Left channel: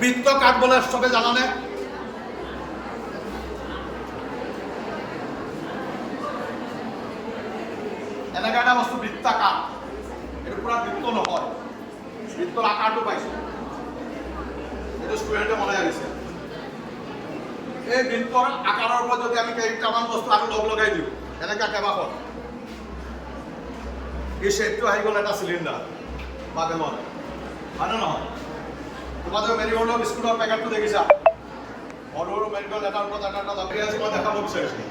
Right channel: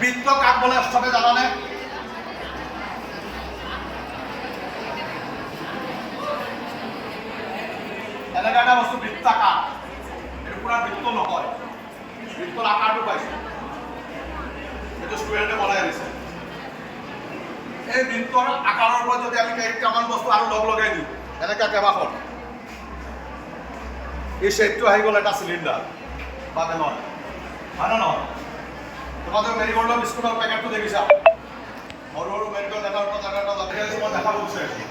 বৃত্ত কাক বলে সবে জানানে? এনেকা এটা বস্তু বৃত্তাকাৰ, এইটো পুৰা বৃত্ত নহয়, বৃত্তৰ আকাৰটো পাইছে, এইটো ষ্টুডেণ্টে বনাই আনিছে। এই বৃত্তৰ আকাৰৰ পৰা যদি আমি কেইটামান বস্তু আৰু লগ লগাই দিওঁ, এনেকা কেইবাখন, এই শ্বেডটো আহি গ'ল এটা চিলিণ্ডাৰ বা বেলন, হয় নে নহয়? তোমালোকে মেৰিগোল্ডৰ বিস্কুটৰ পেকেটটো দেখিছা, সৰু সৰু মেৰিগোল্ড এটাৰ ওপৰত এটা এটা লাগি আছে, মই দেখাব বিচাৰিছোঁ।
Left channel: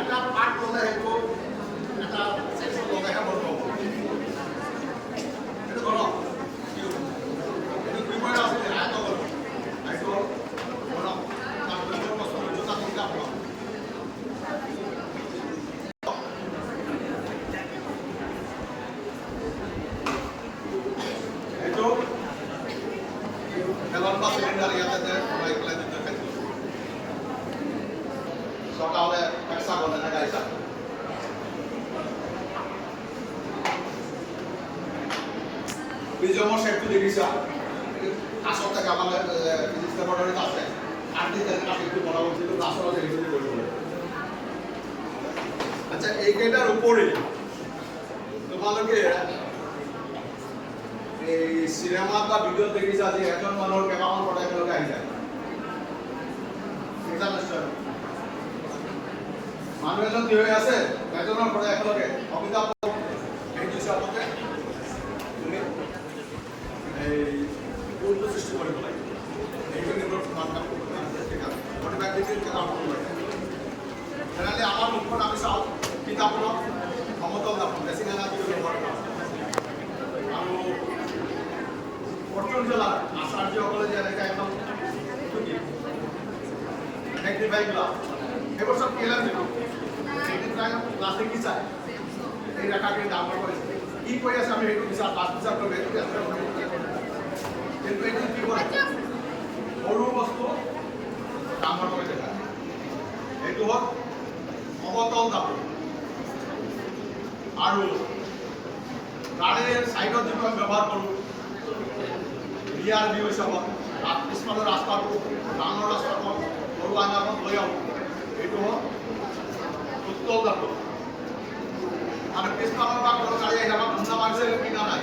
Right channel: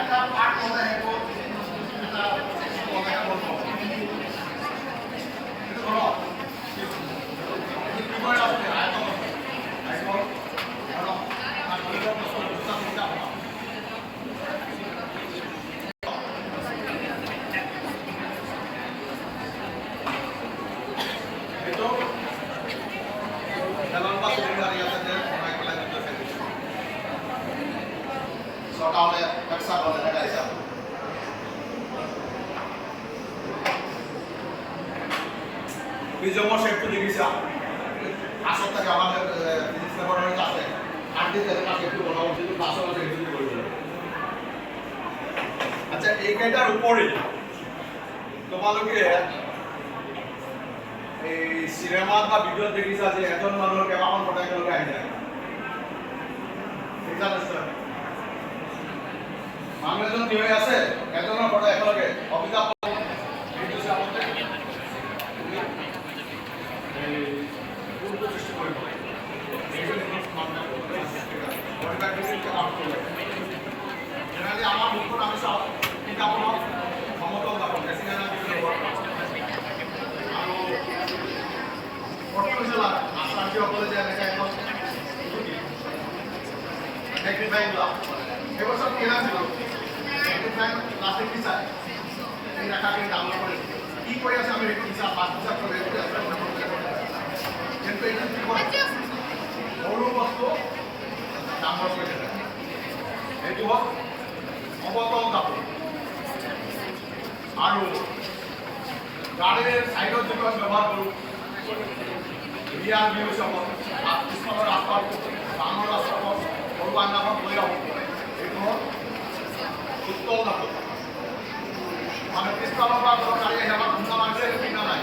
একটা পার্ট বলতে হেবো একটা সেকশন বলতে একটা বলবো এটা ধরো কি করে আসলে আয়তো ধরো আর দুটো বস্তু জুতা করতে হবে এটো খেলন বা সিলিন্ডার ইয়াতে রাইট লাইন দিতে থাকে সটা হলে একসা বলে না গাইসা বিজমো শেপটো দেখিছা আসল থেকে আমাদের ফিজিক্স ল্যাবরেটরিতে আছে আর্টি থেকে পাশে একটু বড় উচিত ক্লাসও আছে এগুলো করে দেব। আচ্ছা এই কেটার উপরে তোমালোকে এই সিনেমা বা ভিডিও দেখিছা যে এখন মানুষ কেমন ফটো এগুলোকে আই যায় ঠিক আছে স্যার মানুষ এজন কি হয়ে আছে একজনের ফটো একেলগে অমিতাভ এই দুই সাথে তুমি এই পূর্ব সৃষ্টি করে বলে এইটা কিন্তু কন্টাক্ট করতে হবে ঠিক আছে ওটা ব্যাক দিতে কাম করতে তাহলে আমার মুখটা আমি সব কিতাব হলো সমতল দাপন বেশি না দিলে বড় আর পর্টিকুলার আসাঞ্জি বলে যে এটা একদম কি ম্যাগনিফাইং গ্লাস এগুলো সব কেনা ছিল ম্যাগনিফাইং গ্লাসে কি চাই এই রাখাকে ডাউনলোড করে কি করে আছে আমি একটু বিচার পাঁচ বিচার করে কিন্তু এটা কি করে বড় বস্তু ডাউনলোড করে দেয় এইটো হল অবতল ধাতু আৰু গাড়ীৰ সাইডত যিখন ব্যৱহাৰ কৰোঁ ৰিয়াৰ ভিউ চাব পিছফালৰ ৰাস্তাটো ডাঙৰ ৰাস্তাখন সৰু আইনাখন লৈ আহোঁ এইটো হ'ল উত্তল ধাতু মানে পিছফালৰ পৰা কোনো গাড়ী আহি আমাক খুন্দা মাৰিছে কিনা নাই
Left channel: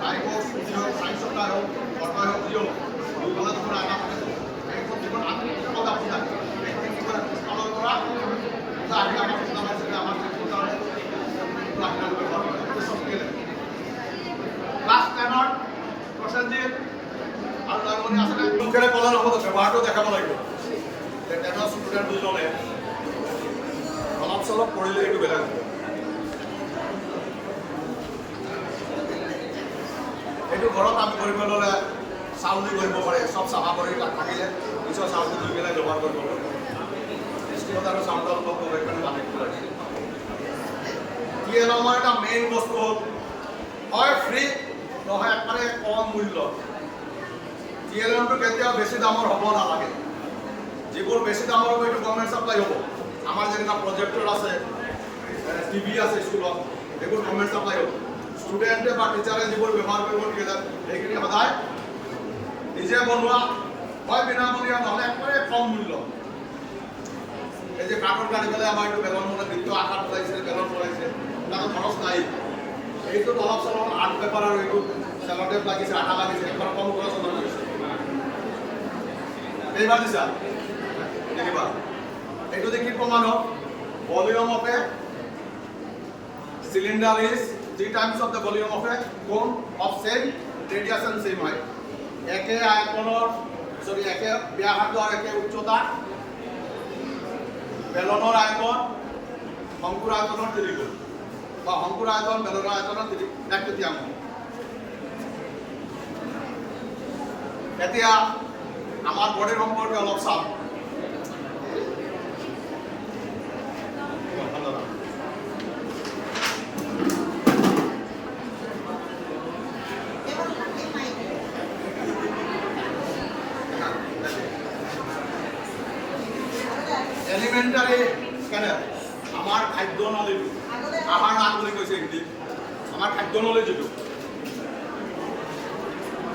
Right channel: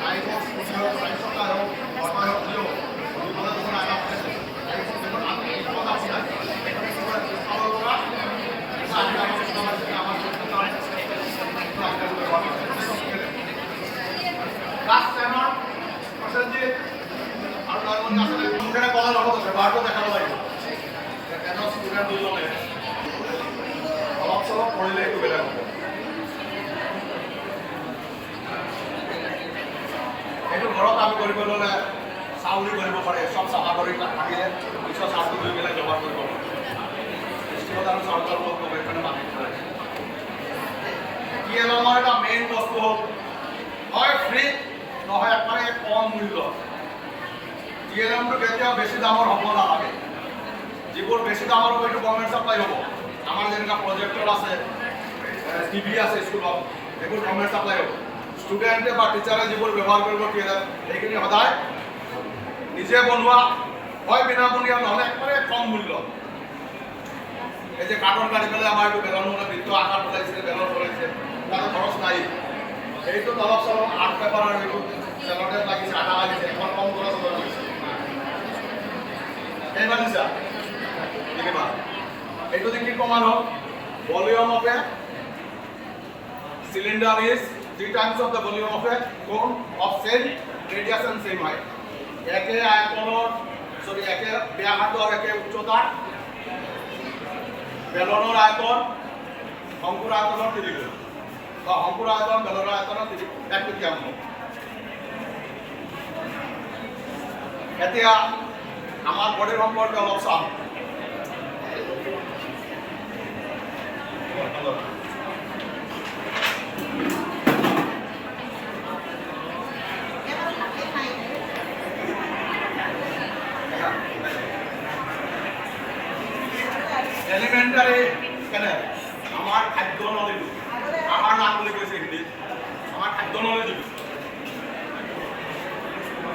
গাড়ী হওক স্কুটি হওক চাৰি চকা হওক অটো হওক যি হওক দুইফালে যখন আইনা গাড়ীখন যখন আমি উত্তল ধাতু নাই এইখন কি কৰে পিছফালৰ পৰা গাড়ী আমাক খুন্দা মাৰিছে আমাক লাস্ট টাইমৰ প্ৰসেনজিৎ আৰু নয়মণি আছে মুখেৰে কলৰ লগত ব্যৱহাৰটো দেখাব লাগিব এজন ষ্টুডেণ্ট দুজনে অলপ চলপ পঢ়িলে এইটো বেলেগ হ'ব এইটো ঘৰত আমি কৰিব ল'লে চাউলি কৰিব পাৰে চব চাফা কৰি থাকিলে পিছত চাউলি কৰি পেলাই ব্যৱহাৰ কৰিব পাৰে স্কুলত আৰু চাউলৰ অলপ গৱেষণে বান্ধি দিয়া হৈছে টিএলএমৰ এটা মেইন বস্তু হ'ল হয় ফ্ৰী নহয় একবাৰে কম মূল্য টিএলএমটো কেতিয়াও বেছি দামৰ হ'ব নালাগে যিবোৰ বেছি দামৰ হ'ব এইটো গভৰ্ণমেণ্ট ছাপ্লাই হ'ব আমাৰ যেনেকুৱা প্ৰজেক্টৰ আছে টিভি আছে স্কুলত এইবোৰ গভৰ্ণমেণ্ট ছাপ্লাই হ'ব ষ্টুডেণ্টে বা টিচাৰে যিবোৰ ব্যৱহাৰ কৰিব টিএলএম সেইখিনি সদায় নিজে বনোৱা হয় বিনামূলীয়া নহ'লে একবাৰে কম মূল্য এই যে কাৰ্টন কাটি পেলাই আমাৰ এইটো বেলন মানে বৃত্ত আকাৰ বনাইছে বেলন বনাইছে তাতে খৰচ নাই এইটোত অলপ চলপ আৰ্ট পেপাৰ আৰু এইটো চেলটেপ লাগিছে আঠা লাগিছে এখন কম খৰচ লাগিছে এইবাৰ দিছা দেখিবা এইটো কি প্ৰমাণ হ'ল volume of A cylinder is 3 times of the volume of a cone of same radius and same height একে আয়তনৰ সৰি একে ব্যাসাৰ্ধ আৰ একে উচ্চতা বেলনৰ আয়তন শংকুৰ আয়তনৰ 3 গুণ শংকুৰ আয়তন বেলনৰ আয়তনৰ 1 তৃতীয়াংশ এতিয়া আমাৰ বডিৰ সম্পৰ্কে অলপ চাম এলিমেণ্টাৰী কেনে আমাৰ খাদ্য নলীটো আহাৰ নাম বুলি কৈছে হিন্দীত আমাৰ খাদ্য নলী যিটো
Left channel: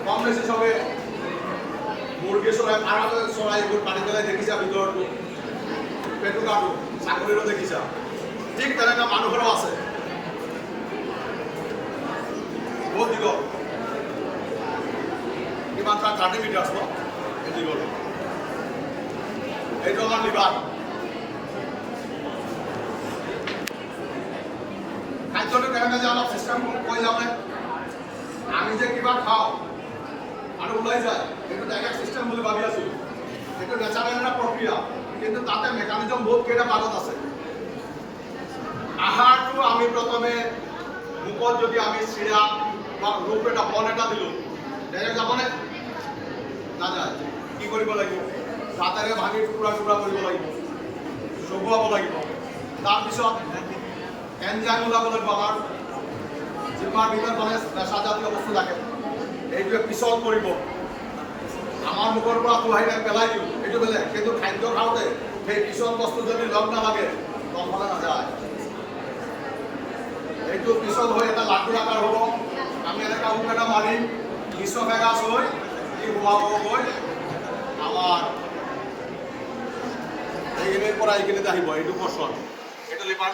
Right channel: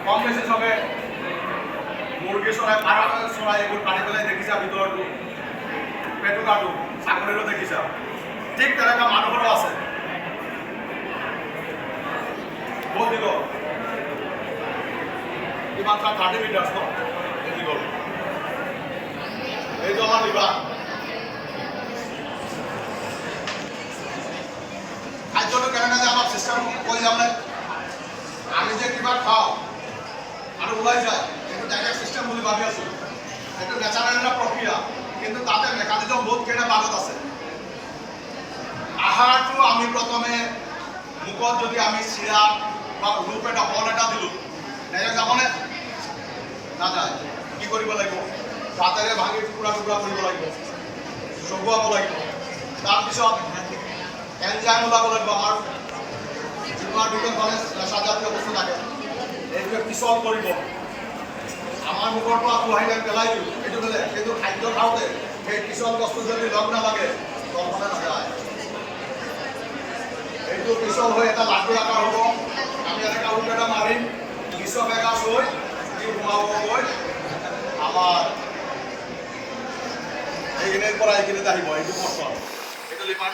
কম বেছি চবে মুৰ্গী চৰাই পাৰ চৰাই এইবোৰ পাৰি পেলাই দেখিছা ভিতৰটো পেটুকাটো চাকৰিৰো দেখিছা ঠিক তেনেকুৱা মানুহৰো আছে বহুত দীঘল কিমান 30 মিটাৰ ন এই দীঘল এইটো আমাৰ লিভাৰ খাদ্যটো কেনেকৈ যে আমাক চিষ্টেম কৈ যাওঁনে আমি যে কিবা খাওঁ আৰু ওলাই যায় এইটো ডাইৰেক্ট চিষ্টেম বুলি ভাবি আছোঁ এইটো নেচাৰেল এটা প্ৰক্ৰিয়া কিন্তু তাতে মেকানিজম বহুত কেইটা ভাগত আছে আহাৰটো আমি প্ৰথমে মুখত যদি আমি চিৰা বা ৰূপ এটা বল এটা দিলোঁ ডাইৰেক্ট যাবনে নাযায় কি কৰিব লাগিব দাঁতেৰে ভাঙি টুকুৰা টুকুৰা কৰিব লাগিব চুগুৱাব লাগিব তাৰপিছত এনজাইম ওলাব লাগিব আমাৰ যিটো আমাৰ ভিতৰত মানে নেচাজাতীয় বস্তু থাকে এইটোৱে পিছল কৰিব আমাৰ মুখৰ পৰা উহাই পেলাই দিওঁ এইটো বেলেগ কিন্তু খাদ্য খাওঁতে সেই পিছল বস্তু যদি লগ নালাগে লগ হ'লে নাযায় এইটো পিছল হৈ এটা লাডু আকাৰ হ'ব আমি এনেকুৱা ৰুম এটা মাৰিম পিছল এগাছ হৈ কি সোমাব গৈ আমাৰ এইখিনিৰ পৰা এইখিনিতে আহিব এইটো পৰ্চন এইটো লিভাৰ